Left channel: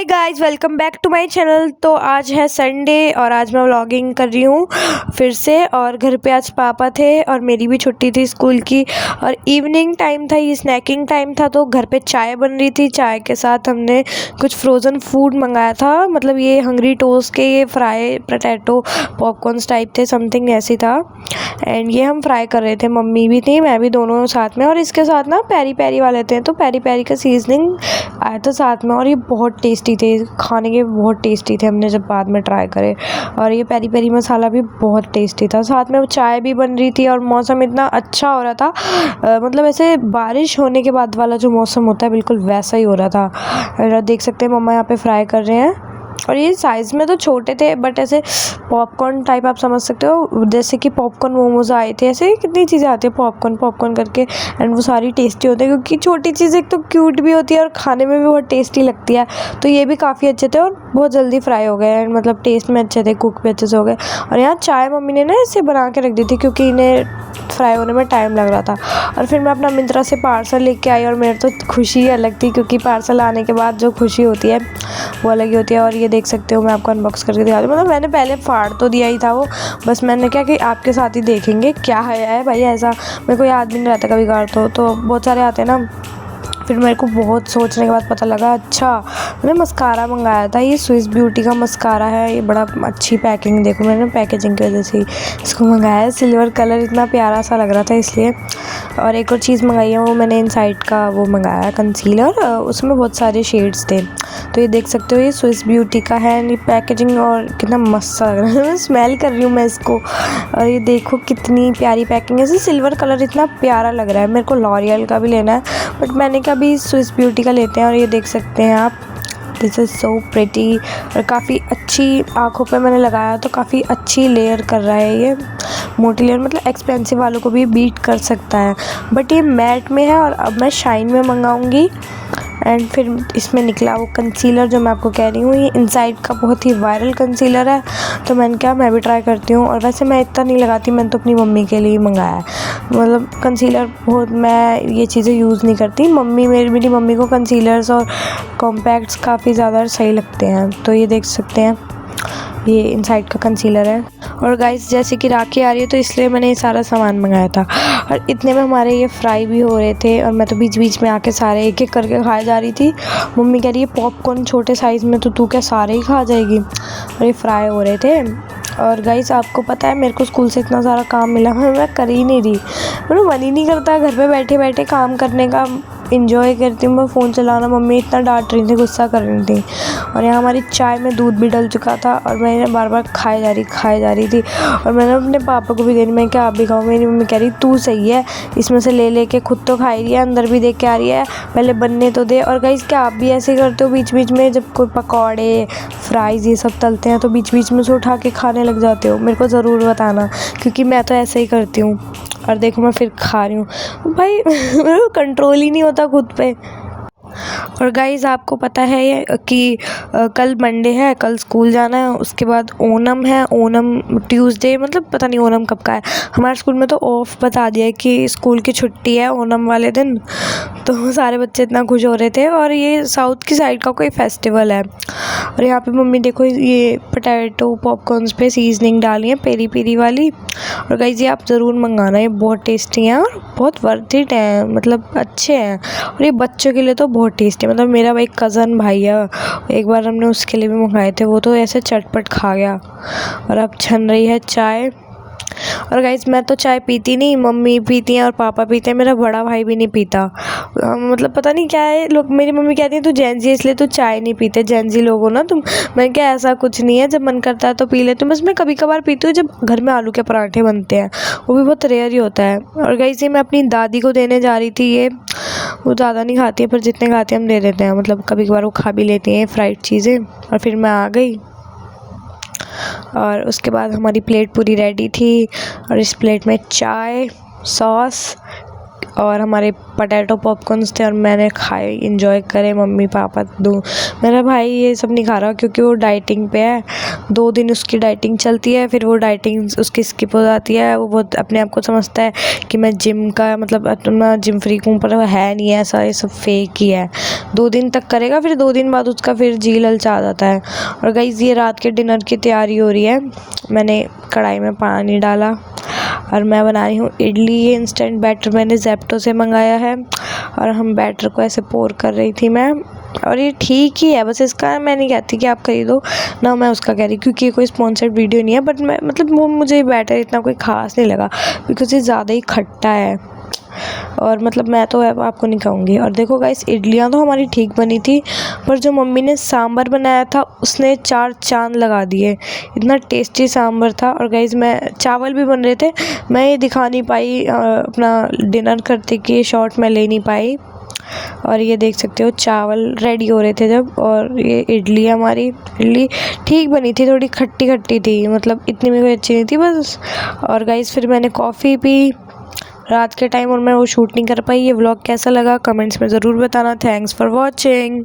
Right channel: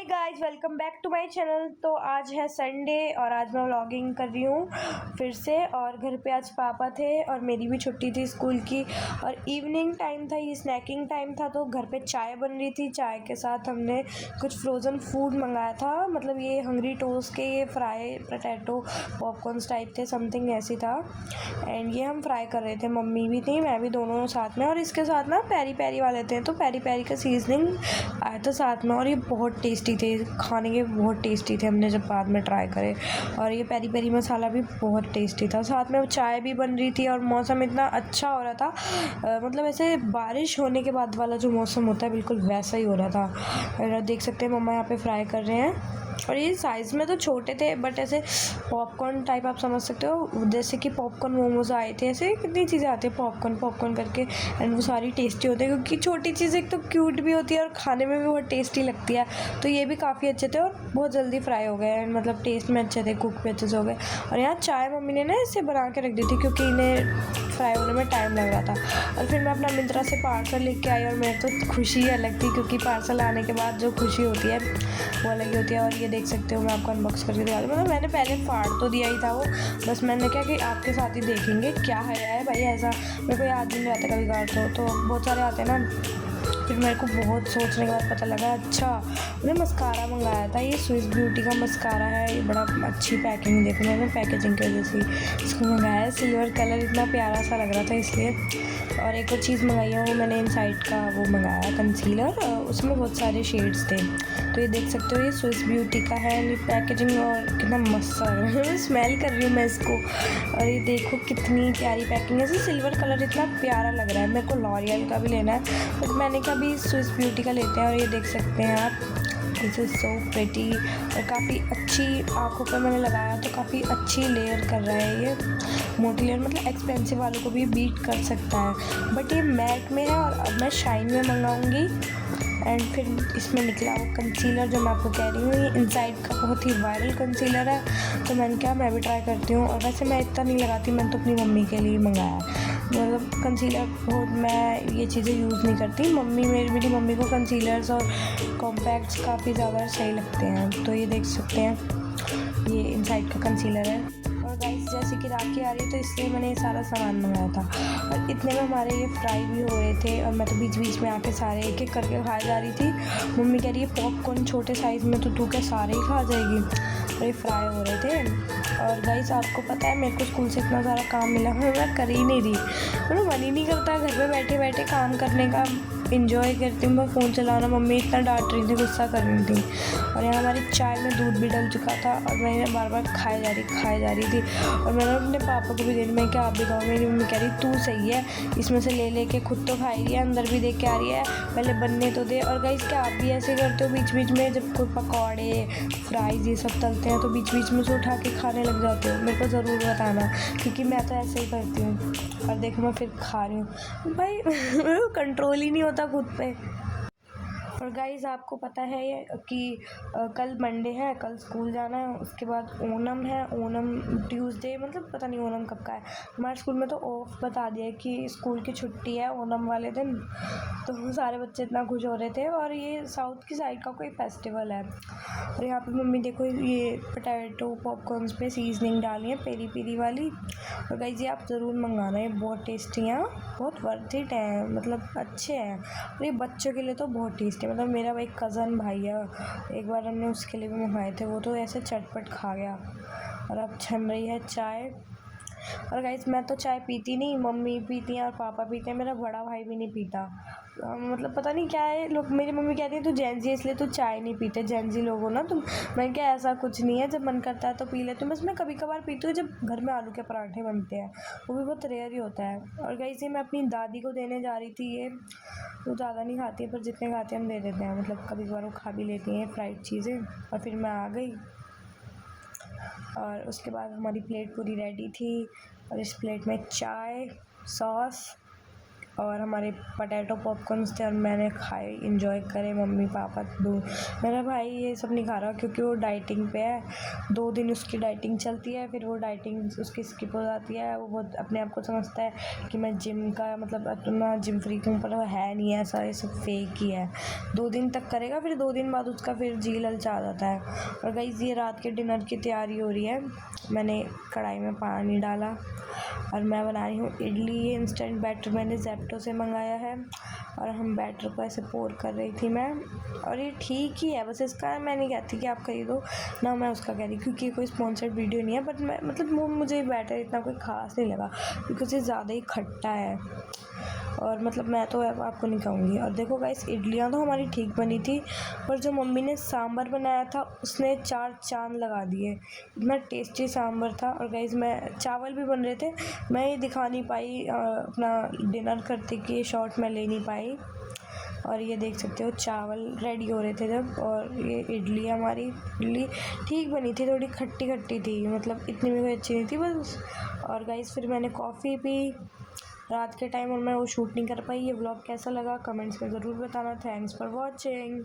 Hey guys, welcome back to my channel. तो आज है संडे और आज मैं व्लॉगिंग कर रही हूँ फिर से। और घर पे आज पापा थे और मेरी भी छुट्टी थी स्कूल की और इवनिंग टाइम था, ये स्नैकिंग टाइम था। तो घर पे चाय बन रही थी, चाय के साथ हमने कुछ फ्रोज़न फूड मंगाया था। मतलब ये हंग्री टोस्ट के ये फ्राई पोटैटो पॉपकॉर्न्स टाइप थे, समथिंग ऐसी था। एंड ये हम फ्राई कर रहे थे, मम्मी भी थी मैं भी, दोनों साथ में। और इसके साथ ना पेरी पेरी वाले थे, तो पेरी पेरी का सीजनिंग आया था साथ में और ये बहुत टेस्टी थे, खाने के बहुत टेस्टी थे। हमने जब बाद में ट्राई करे और ये पेरी पेरी मसाला भी बहुत टेस्टी था। साथ में वो चाय भी बन रही थी और मौसम इतना अच्छा हो रहा था, मतलब ऐसे बारिश होने के बाद वाला जो मौसम होता है बिल्कुल वैसा ही हो रहा था। और देख सकते हैं मम्मा यहाँ पे फ्राई कर रहे हैं और ये साइज़ में तो छोटे थे बट ऐसे पॉपकॉर्न टाइप आप समझ सकते हो, जैसे कि पॉपकॉर्न मोमोज आए थे, ऐसे कितनी चीज़ें आती है पॉपकॉर्न पॉपकॉर्न करके। एंड वो सारी टेस्टी होती है क्योंकि छोटी चीज़ एक तो क्यूट भी होती है और खाने में भी बहुत टेस्टी लगती है। तो ये भी काफ़ी अच्छे थे और बहुत जल्दी फ्राई हो गए, एंड मतलब टेस्ट में अच्छे थे, कुक भी अच्छे से हो गए। और यहाँ चाय मम्मी ने ना इसे बना के रख दी थी क्योंकि इन्हें फ्राई होने में टाइम लग रहा था। और फिर मैं अपना मिंत्रा से पार्सल लेके आई और मेरी तो खुशी ही अलग थी क्योंकि पार्सल आने के बाद जो खुशी होती है वो अलग ही होती है। और ये देख सकते हो, मैं आपको अनबॉक्स करके दिखा दूँ। मतलब मैंने पहले फाड़ तो दिया ही था वो, बस मैंने क्या कि आपके साथ ही देखेंगे क्या है भाई। ऐसा मेरे को याद भी नहीं रहता कभी कभार, तो बहुत सारे आते हैं ना। फिर मेरे को बहुत सोचने के बाद पता लगा, अच्छा मैंने मस्कारा मंगाया था, ये स्विस ब्यूटी का मस्कारा है। ये बड़ा अच्छी पैकिंग, देखो मैंने पैकेजिंग की वजह से इसको मंगाया है। सिल्वर कलर इतना प्यारा सा लग रहा था इसलिए। और एक और चीज़ मंगाई है, वो मैंने इनसाइड का वो मंगाया कंसीलर, उसमें बहुत सारे शेड्स थे। तो ये देख सकते हो, ये स्विस ब्यूटी का है। ये पैकेजिंग और कितना मस्त लग रहा है स्मेल कर रही हूँ मैं इसको। और ये देखो कितनी प्यारी पैकिंग है, सिल्वर कलर इतना प्यारा लग रहा है। मेरे को लॉरियल का भी लेना है बट मैंने कहा भी स्विस ब्यूटी का लेते हैं। और ये देख सकते हैं आप, दिस इज़ सो प्रिटी और काफ़ी अच्छी, आँखों पे मैंने लगाया तो काफ़ी अच्छी लेयर कर रहा है ये, मोटी लेयर, मतलब एक्सपेंसिव वालों को भी बीट कर सकता है। बट ये मैट में है और अब मैं शाइन में मंगाऊंगी। एंड फिर इसमें निकला वो कंसीलर जो मैं आपको कह रही हूँ, ये इनसाइड का बहुत ही वायरल कंसीलर है। तो मैंने कहा मैं भी ट्राई करती हूँ। और वैसे मैं इतना नहीं लगाती, मैंने तो अपनी मम्मी के लिए मंगाया है। मतलब कंसीलर बहुत, मैं ये चीज़ें यूज़ नहीं करती। मेरी मम्मी को कंसीलर्स और कॉम्पैक्ट्स काफ़ी ज़्यादा सही लगते हैं। तो ये देख सकते हैं, ये इनसाइड का कंसीलर है। और गाइस जैसे कि राखी आ रही है तो इसलिए मैंने ये सारा सामान मंगाया था। और इतने में हमारे ये फ्राई भी हो रहे थे और मैं तो बीच बीच में आके सारे एक एक करके खाए जा रही थी। मम्मी कह रही है पॉपकॉर्न छोटे साइज़ में तो तू क्या सारे ही खा जाएगी। और ये फ्राई हो रहे थे। और गाइस आपको पता है मेरे को स्कूल से इतना सारा काम मिला, मैं कर ही नहीं रही, मेरा मन ही नहीं करता घर पे बैठे बैठे काम करने का। इंजॉय करती हूँ मैं फ़ोन चलाना, मम्मी इतना डांट रही थी, गुस्सा कर रही थी। और यहाँ हमारी चाय में दूध भी डल चुका था और मैंने बार बार खाए जा रही थी। और मैंने अपने पापा को भी दे दी, मैं क्या आप भी खाओ। मेरी मम्मी कह रही तू सही है, इसमें से ले लेके खुद तो खा रही है, अंदर भी देख के आ रही है, पहले बनने तो दे। और गाइस क्या आप भी ऐसे करते हो बीच बीच में, जब कोई पकौड़े फ्राइज़ ये सब तलते हैं तो बीच बीच में से उठा के खाने लग जाते हो? मेरे को ज़रूर बताना क्योंकि मैं तो ऐसे ही करती हूँ। और देखो मैं फिर खा रही हूँ भाई मेरे को कंट्रोल ही नहीं होता खुद पे। और गाइज़ आपको पता है कि कल मंडे है, कल स्कूल जाना है, उसके बाद ओणम है, ओणम ट्यूसडे, मतलब पता नहीं ओणम कब का है। हमारे स्कूल में तो ऑफ बता दिया है कि स्कूल की छुट्टी है ओणम वाले दिन। तो सारे बच्चे इतना खुश हो रहे थे और ये साउथ की साइड का कोई फेस्टिवल है। और यहाँ पे मम्मी देखो ये पोटैटो पॉपकॉर्न्स पे सीजनिंग डाली है पेरी पेरी वाली। और गाइज़ ये आप ज़रूर मंगाना, ये बहुत टेस्टी हैं और बहुत वर्थ इट है, मतलब अच्छे हैं। और ये बच्चों के लिए तो बहुत टेस्टी है, मतलब मेरा एक कज़न भाई है, एक बार हमने उसके लिए भी मंगाए थे, वो तो ऐसे चटपट खा गया। और अब छन रही है चाय। और गाइस मैं तो चाय पीती नहीं, मम्मी पीती हैं और पापा पीते हैं, मेरा बड़ा भाई भी नहीं पीता। मतलब पता नहीं क्या है, लोग, मेरी मम्मी कहती है तू जेंजी है इसलिए तू चाय नहीं पीते, जेंजी लोग हो ना तुम। मैं क्या, ऐसा कुछ नहीं है, जब मन करता है तो पी लेती हूँ। बस मैं कभी कभार पीती हूँ जब घर में आलू के पराठे बनते हैं, वो भी बहुत रेयर ही होता है। और गाइस ये मैं अपनी दादी को देने जा रही थी, ये वो ज़्यादा नहीं खाती है पर जितने खाती है हम दे देते हैं, मतलब कभी कभार वो खा भी लेती हैं फ्राइड चीज़ें। और फिर मैं आ गई और उसके बाद हमारी प्लेट पूरी रेडी थी। और इस प्लेट में चाय, सॉस और हमारे पोटैटो पॉपकॉर्न्स थे और मैंने खाए, इंजॉय करे। मम्मी पापा दो, मेरा भाई ये सब नहीं खा रहा क्योंकि वो डाइटिंग पे है। 2 दिन उसकी डाइटिंग चलती है, फिर वो डाइटिंग उसकी स्किप हो जाती है। वो बहुत अपने आप को समझता है कि मैं जिम का मतलब अपना जिम फ्रीक हूँ, पर वो है नहीं है ऐसा, ये सब फेक ही है। 2 दिन तक करेगा, फिर 2 दिन बाद उसका फिर जी ललचा जाता है। और गाइस ये रात के डिनर की तैयारी हो रही है। मैंने कढ़ाई में पानी डाला और मैं बना रही हूँ इडली। ये इंस्टेंट बैटर मैंने ज़ेप्टो से मंगाया है और हम बैटर को ऐसे पोर कर रही थी मैं। और ये ठीक ही है, बस इसका मैं नहीं कहती कि आप खरीदो ना, मैं उसका कह रही क्योंकि ये कोई स्पॉन्सर्ड वीडियो नहीं है। बट मैं मतलब वो मुझे बैटर इतना कोई ख़ास नहीं लगा बिकॉज़ ये ज़्यादा ही खट्टा है और मतलब मैं तो आपको नहीं कहूँगी। और देखो गाइस इडलियाँ तो हमारी ठीक बनी थी, पर जो मम्मी ने सांभर बनाया था उसने 4 चांद लगा दिए। इतना टेस्टी सांभर था। और गाइस मैं चावल भी बन रहे थे, मैं ये दिखा नहीं पाई अपना डिनर करते कि शॉर्ट मैं ले नहीं पाई। और ये देख सकते हो चावल रेडी हो रहे थे जब, और ये हमारी इडली ठीक बनी थी, थोड़ी खट्टी खट्टी थी, मतलब इतनी भी कोई अच्छी नहीं थी बस। और गाइस फिर मैंने कॉफ़ी पी रात के टाइम और मैं वो शूट नहीं कर पाई। ये व्लॉग कैसा लगा कमेंट्स में ज़रूर बताना। Thanks for watching.